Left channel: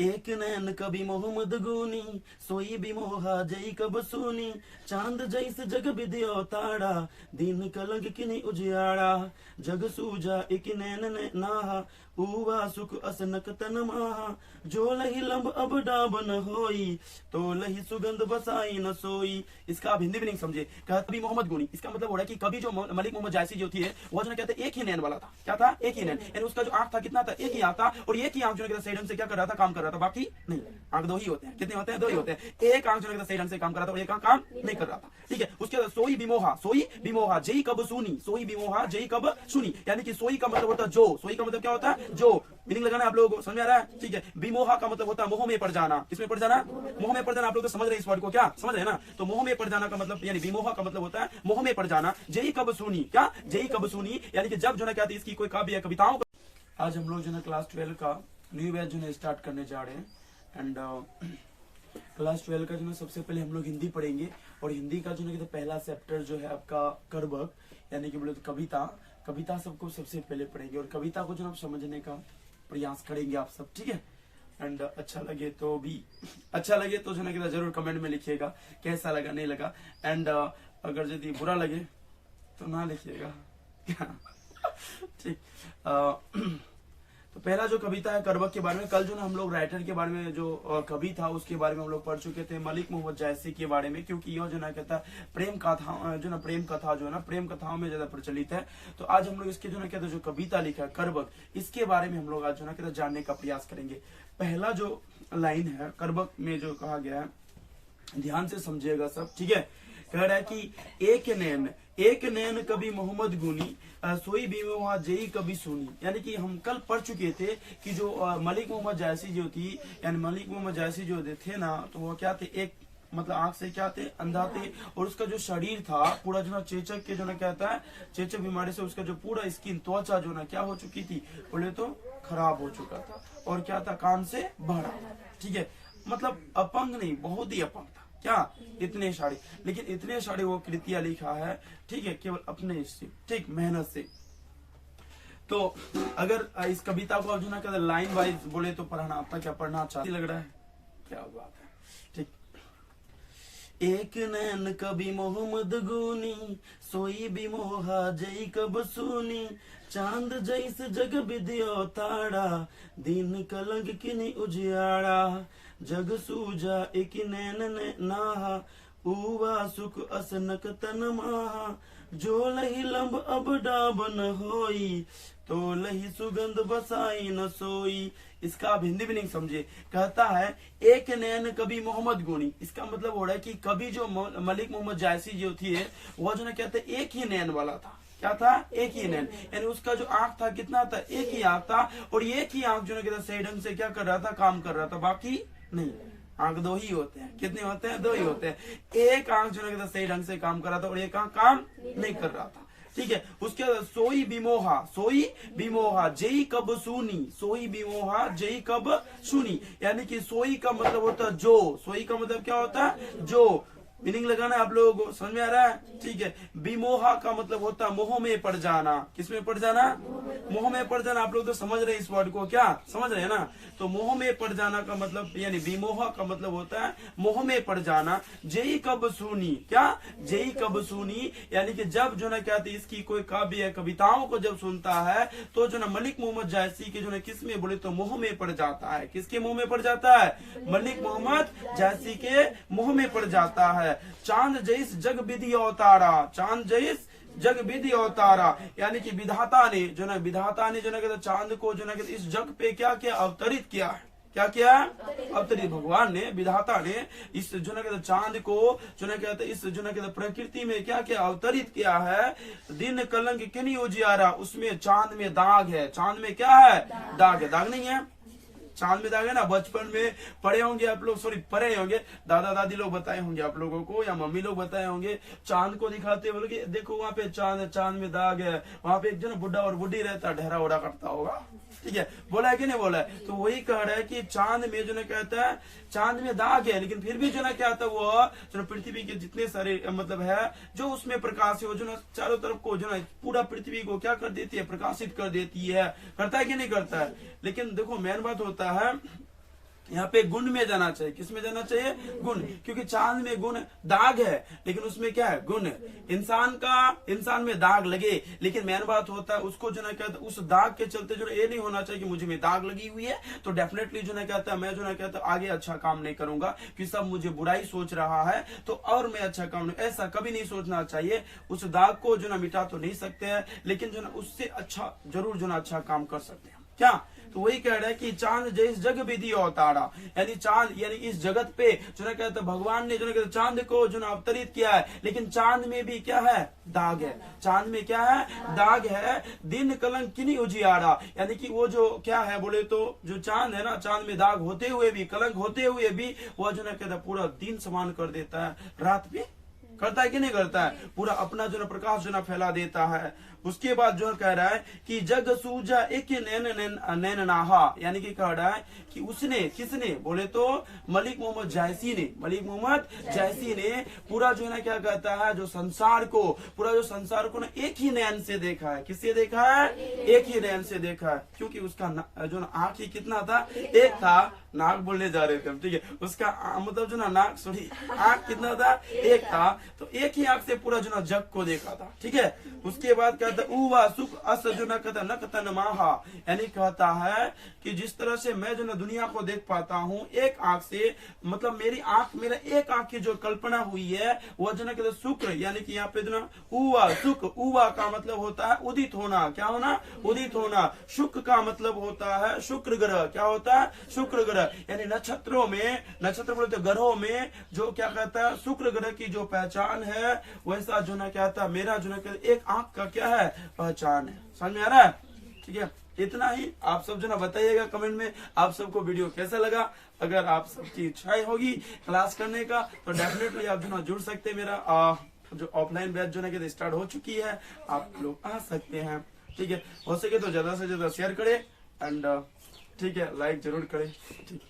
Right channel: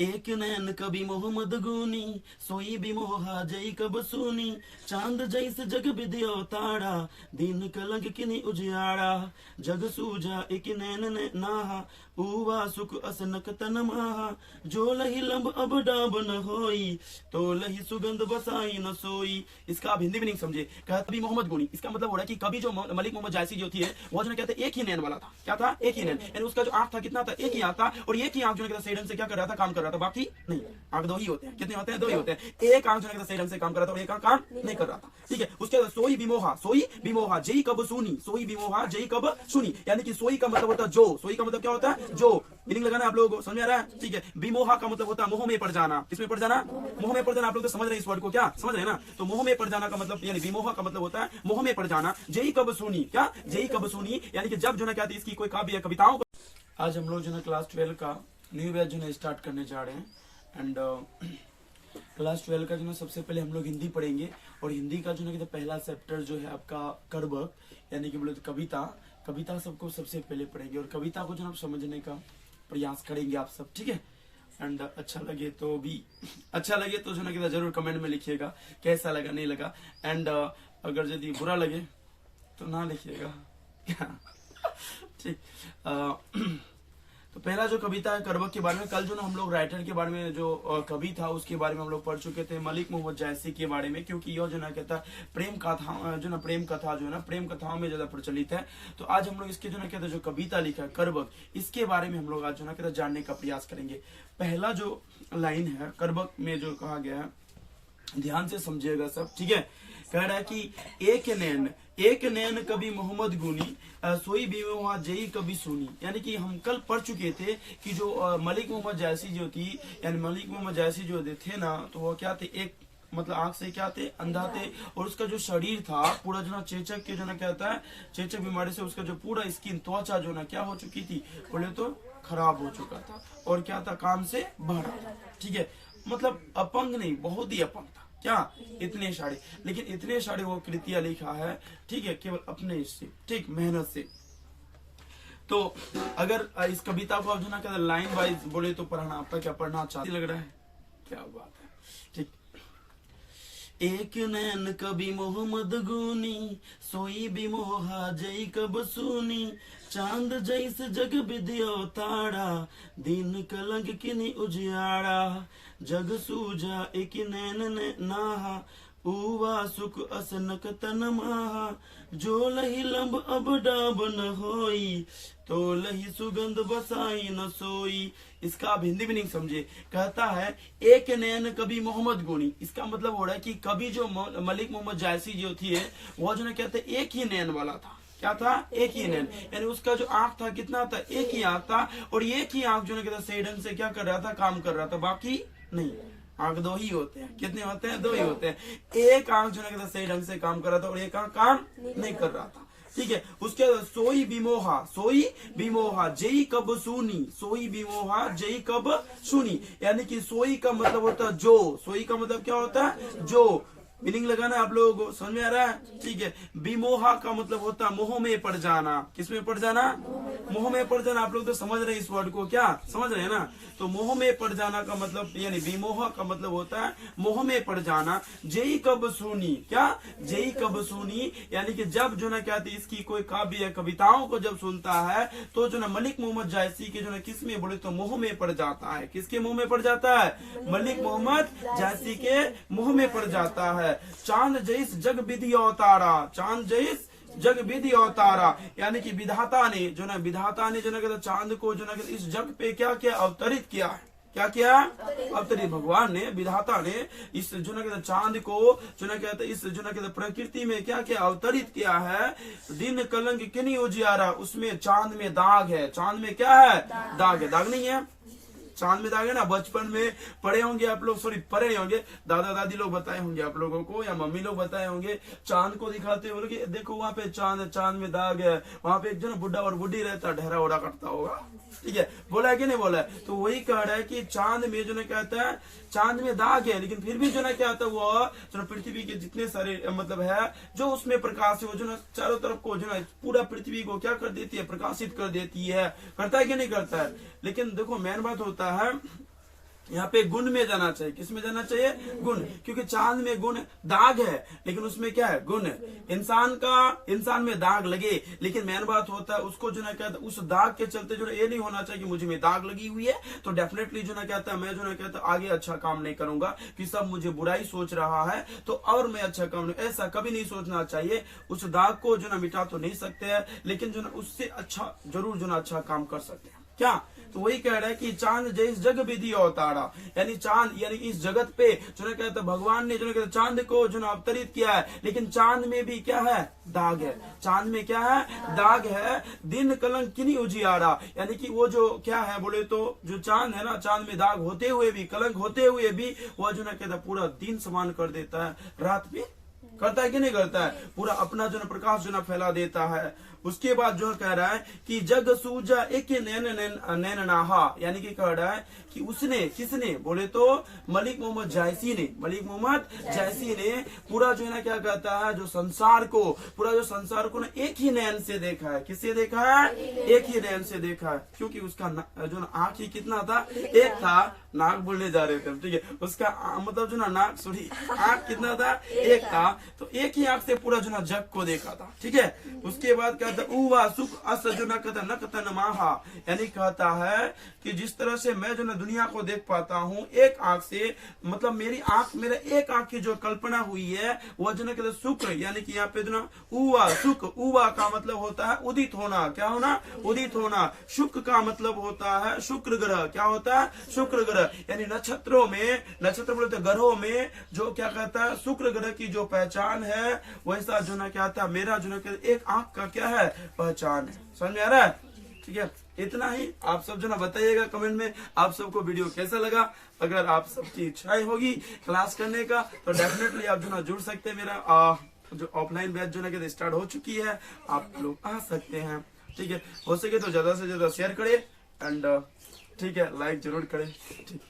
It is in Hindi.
एक नैन कभी मोहम्मद गुनी, सोई भी मोहा जई कब सुनी। चांद जैसे जग विद्यो तारा, दिन कलंक किनी उजियारा। जग सूजा एक नैन ने नाहा, उवा सुख असनक तन माहा। जो लही लंब अब डाबन होई, तो लही सुगंध बसाई न सोई। इसका आप हिंदी भी नहीं समझे। कभी मोहम्मद गुनी, इसका मतलब हो रहा है कि कभी जो मलिक मोहम्मद जायसी जो थी वो जो कहते एक ही नैन वाला था। क्या था? एक ही नैन, यानी उसका जो आंख था कितना था? एक ही आंख था, और एक ही आंख जो है सही ढंग से क्या कर रहा था? काम कर रहा था, बाकी नहीं। आंख दो ही होते हैं। कितने होते हैं? दो ही होते हैं। एक आंख जो है सही ढंग से काम कर रहा था और एक आंख काम नहीं कर रहा था। ठीक है। उसके बाद सोई बिमोहा जई कब सुनी, सोई बिमोहा जई कब सुनी, यानी कि सोई का मतलब होता है जो। सोई का मतलब क्या होता है? जो। मीनिंग लगाना है आप लोगों को, समझ में आ रहा है? ठीक है। बिमोहा का मतलब होता है मोह में पड़ जाना। किसमें पड़ जाना? मोह में पड़ जाना। आप लोग तो समझ रहे हैं इस वर्ड को? क्या समझ रहे हैं ना? तो मोह में पड़ जाना का मतलब, यानी बिमोहा का मतलब होता है मोह में पड़ जाना। जई कब सुनी, क्या? जई कब सुनी, यानी कि जब जो ना क्या थी इसकी कोई काव्य या कविताओं का। आज हम लोग जो है क्लास 12 का न्यू बैच जो है स्टार्ट करने जा रहे हैं। एंड क्लास 12 का जो है सबसे पहले हम लोग हिंदी पढ़ेंगे, और हिंदी का जो है पहला चैप्टर जो है आपका करबक, यानी कि बोले तो कविता सबको सबसे पहले पढ़ेंगे, और कविता को जो आप समझने का प्रयास करेंगे आप सब। ठीक है। एंड अच्छा लगे तो जो है जरूर कमेंट में लिखिएगा कैसा लगा, नहीं लगा। एंड अगर यदि बुरा लगे तो ना लिखिएगा। ठीक। तो पहला जो कविता है करबक के बारे में, कल जो ना हम लोग राइटर के बारे में जो कवि था उसके बारे में हम लोग पढ़ चुके थे, मलिक मोहम्मद जायसी के बारे में, क्योंकि यह जो ना कहता है प्रेम कथा जो है ना प्रेम कथाओं में ज्यादा प्रचलित है। तो आज हम लोग इसके जो ना कहते जो कविता लिखा है करबक, इसके बारे में हम लोग आज जो ना कहते जानने का प्रयास करेंगे। पहला जो लाइन है करबक में जो कहा गया है, ध्यान से समझिएगा सब। ठीक है। कह रहा है कि एक नैन कभी मोहम्मद गुनी, सोई बिमोहा जई कभी सुनी, यानी कि हम कल पढ़ चुके थे कि जो मलिक मोहम्मद जायसी जो थी, यानी मलिक मोहम्मद जायसी जो थे ना, तो वो क्या थे? एक मतलब आंख से क्या थे? अंधा थे, और उसका जो शरीर था पूरा जो ना चेचक के जो ना कहता है चेचक बीमारी से उसका जो पूरा स्किन त्वचा जो ना क्या हो चुकी थी, बोले तो खराब हो चुका था, और क्या था? काम से भरा। ठीक है। मतलब अपंग नहीं, बहुत ही अपंग था। क्या? इतने सारे, लेकिन इतने सारे वो कृतियां लिखा है। ठीक है। केवल अपने से, ठीक, मेहनत से। तो अगर इस कविता को जो ना लाइन वाइज बोले तो पढ़ना आपका क्या पढ़ना चाहती लग रहा है? क्या बात है। ठीक। एक नैन कभी मोहम्मद गुनी, सोई भी मोहा जई कब सुनी। चांद जैसे जग विद्यो तारा, दिन कलंक किनी उजियारा। जग सूजा एक नैन ने नाहा, उवा सुख असनक तन माहा। जो लही लंब अब डाबन होई, तो लही सुगंध बसाई न सोई। इसका आप हिंदी भी नहीं समझे। कहता है एक नैन कभी मोहम्मद गुनी, इसका मतलब हो रहा है कि कभी जो मलिक मोहम्मद जायसी जो थी वो जो ना कहते एक ही नैन वाला था। क्या था? एक ही नैन, यानी उसका जो आंख था कितना था? एक ही आंख था, और एक ही आंख जो ना कहता सही ढंग से क्या कर रहा था? काम कर रहा था, बाकी नहीं। आंख दो ही होते हैं। कितने होते हैं? दो ही होते हैं। एक आंख जो ना सही ढंग से काम कर रहा था और एक आंख काम नहीं कर रहा था। ठीक है। उसके बाद सोई बिमोहा जई कब सुनी, सोई बिमोहा जई कब सुनी, यानी कि सोई का मतलब होता है जो। सोई का मतलब क्या होता है? जो। मीनिंग लगाना है आप लोगों को, समझ में आ रहा है? ठीक है। बिमोहा का मतलब होता है मोह में पड़ जाना। किस में पड़ जाना? मोह में पड़ जाना। आप लोग तो समझ रहे हैं इस वर्ड को? क्या समझ रहे हैं ना? तो मोह में पड़ जाना का मतलब, यानी बिमोहा का मतलब होता है मोह में पड़ जाना। जई कब सुनी, क्या? जई कब सुनी, यानी कि जब जो ना क्या थी इसकी कोई काव्य या कविताओं को जब सुनता है तो जो ना मलिक मोहम्मद जायसी के जो ना किस में बोले तो मोह में पड़ जाता है। किसके मुंह में पड़ जाता है? मलिक मोहम्मद जायसी के मुंह में पड़ जाता है। चांद जैस जग विधि अवतारा, चांद जैस जग विधि अवतारा, यानी कि विधाता ने जो ना चांद को जो ना इस जग पे क्या किया? अवतरित किया है। क्या किया? अवतरित। भगवान ने, विधाता ने इस जो ना चांद को जो ना कहते इस जो ना प्रकृति में क्या किया? अवतरित किया है। दिन कलंक किनी उजियारा, उसमें चांद में दाग है। चांद में क्या है? दाग है। दाग नहीं है? चांद में दाग है ना। बचपन में पढ़े होंगे आप लोग, पढ़े होंगे, दादा दादी लोग बताए होंगे आप लोगों को, या मम्मी लोग बताए होंगे। चांद को दिखाते हुए बोलोगे देखो वहां पे चांद में दाग है। वहां पे एक जो ना बुढ़ा और बुढ़ी रहता, ढहरा ओढ़ा करता होगा। ठीक है। बोला है कि नहीं बोला है? तो वही कह रहा है कि चांद में जो ना कहता है चांद में दाग है, लेकिन फिर भी जो ना क्या होता है वो जो पृथ्वी के जितने सारे मतलब है जो उसमें प्रकाश है वो जो ना चारों तरफ को जो ना पूरा पृथ्वी को क्या कर देती है? प्रकाशित कर देती है। करता है कि नहीं करता है? लेकिन देखो मेन बात होता है यहाँ पे गुण में जाना चाहिए। किस में जाना चाहिए? गुण, क्योंकि चांद में गुण दाग है लेकिन उसमें क्या है? गुण। इंसान में दाग लगे लेकिन मेन बात होता है उसको जो ना कहता है उस दाग के चलते जो ये नहीं होना चाहिए कि मुझे में दाग लगी हुई है तो डेफिनेटली जो ना कहता है मैं जो ना कहता आगे अच्छा काम नहीं करूंगा कि सब मुझे बुराई सोच रहा है तो और मैं अच्छा काम नहीं, ऐसा कभी नहीं सोचना चाहिए। उस दाग को जो ना मिटा तो नहीं सकते हैं लेकिन जो ना उससे अच्छा जरूर जो ना अच्छा काम कर सकते हैं। क्या? तो वही कह रहे हैं कि चांद जैस जग विधि अवतारा, यानी चांद यानी इस जगत पे जो ना कहते भगवान ने जो ना कहते चांद को जो ना अवतरित किया है लेकिन चांद में भी क्या है? दाग है। चांद में क्या है? दाग है। दिन कलंक किनी उजियारा, यानी कि वो जो क्या है बोले तो जो चांद है ना, चांद में दाग होते हुए भी, कलंक होते हुए भी वह जो ना कहता पूरा दिन समान कर देता है, रात भी करता है कि नहीं करता है? पूरा अपना जो ना प्रकाश जो ना फैला देता है। उसके बाद जो कह रहा है कि जग सूजा एक नैन नाहा, यानी कि कह रहा है कि उसने, किसने बोले तो मलिक मोहम्मद जायसी ने पूरा जो है ना क्या कहता है जो संसार को ना एक ही नैन से देखा है। किससे देखा है? एक ही नैन से देखा है, क्योंकि उसका जो ना आंख ही कितना था? एक था। नाक बोलने जा रहे थे, ठीक है, उसका मतलब जो ना नाक सॉरी आंख कितना था? एक था। तो एक ही आंख से पूरा जो ना जग को देखा था, ठीक है। उसके बाद कहता उवा सुख अस जो ना कहता नकतन माहा, यानी कहता है कि जिस तरह से मैं जो ना दुनिया को देख पाता हूँ एक आंख से, मतलब मेरा एक आंख की जो कल्पना हुई है वो जो ना कहते शुक्र, यानी कि यहाँ पे जो ना उवा सुख, उवा का मतलब होता है उदित होना। क्या होना? उदित होना। शुक्र का मतलब होता है शुक्र ग्रह। क्या होता है? शुक्र ग्रह, यानी नक्षत्रों में, नक्षत्र बोले तो ग्रहों में जो क्या कहता है शुक्र ग्रह की जो पहचान है वैसा जो ना क्या था मेरा जो ना कहता एक आंख का क्या है? पहचान है। समझ में आ रहा है? ठीक है, इतना ही। आप सब जो ना बताइएगा कमेंट में आप सबको वीडियो कैसा लगा। अगर आप सबकी इच्छाएं होगी क्लास करने का तो डेफिनेटली आप जो ना जुड़ सकते हैं। मेरा जो ऑफलाइन बैच जो ना स्टार्ट हो चुकी है, आप लोग आ सकते हैं। ठीक है, हो सके तो ज्यादा से ज्यादा शेयर करें एंड ठीक है लाइक जरूर करें। ठीक।